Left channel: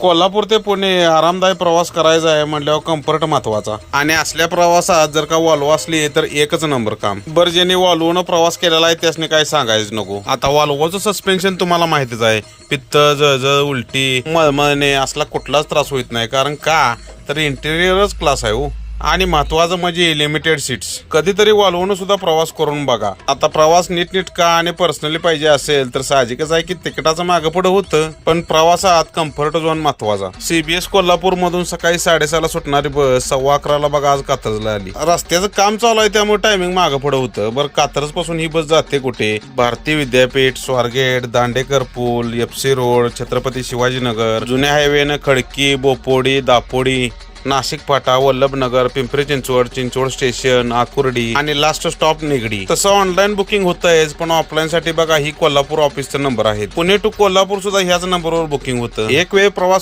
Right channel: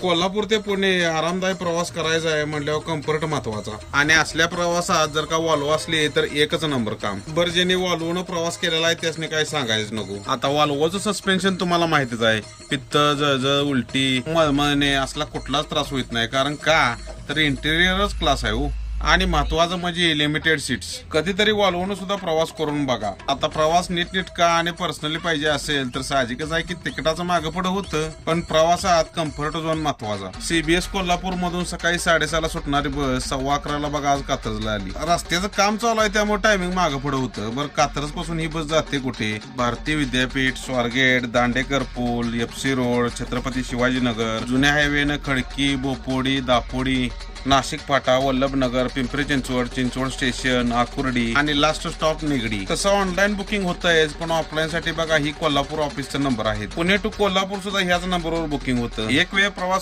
कोल्हापूर ते पुणे आरामदायी प्रवास करायचा आहे म्हटल्यावर कम्फर्ट महत्वाचा आणि असल्या प्रवासात जर का वॉल्वो असली तर एकच नंबर काम. बरं ज्यांनी वॉल्वोनं प्रवास केलेला आहे त्यासने काय सांगायचं नको. आता वॉल्वोचं सस्पेन्शन तुम्हाला माहितीच आहे. पित्त, जळजळ, उलटी, मळमळणे असला कुठलाच त्रास होत नाही. कारण का तर इंटेरियरच क्लास आहे हो. आणि महत्वाचं म्हणजे लिमिटेड सीट्स. कधीतरी वॉल्वोनं सुद्धा प्रवास करून बघा. आता प्रवास नीटनीटका आणि पर्सनली पाहिजे असेल तर साहजिकच आहे की तिकिटाचं मागं पुढे होतं, पण प्रवासात कम्फर्ट झोन महत्वाचा. CBS कोल्हापूर मधून सकाळी 6:30ला सुटणारी बस 11:15ला बघा आज कात्रजला आली. रस्त्याचं काम चालू आहे त्यामुळे टायमिंग मागं पुढे होतं. बरं कात्रज पासून ही बस जाते कुठे? भारतीय विद्यापीठ, स्वारगेट, दांडेकर पूल, FC रोड, छत्रपती शिवाजीनगर, जुन्या हायवेनं खडकी, बोपोडी, दापोडी, नाशिक फाटा, वल्लभनगर, पिंपरी चिंचवड, चिंचवड स्टेशन, आकुर्डी आणि लास्ट स्टॉप निगडी. तसं ऑनलाईन बुकिंग होतंयच, पण ऑफलाईन साठी बघा ही कोल्हापूर ऑफिसचा नंबर आहे. पुणे टू कोल्हापूर सुद्धा ह्याच नंबरवर बुकिंग होतं. एक वेळ प्रवास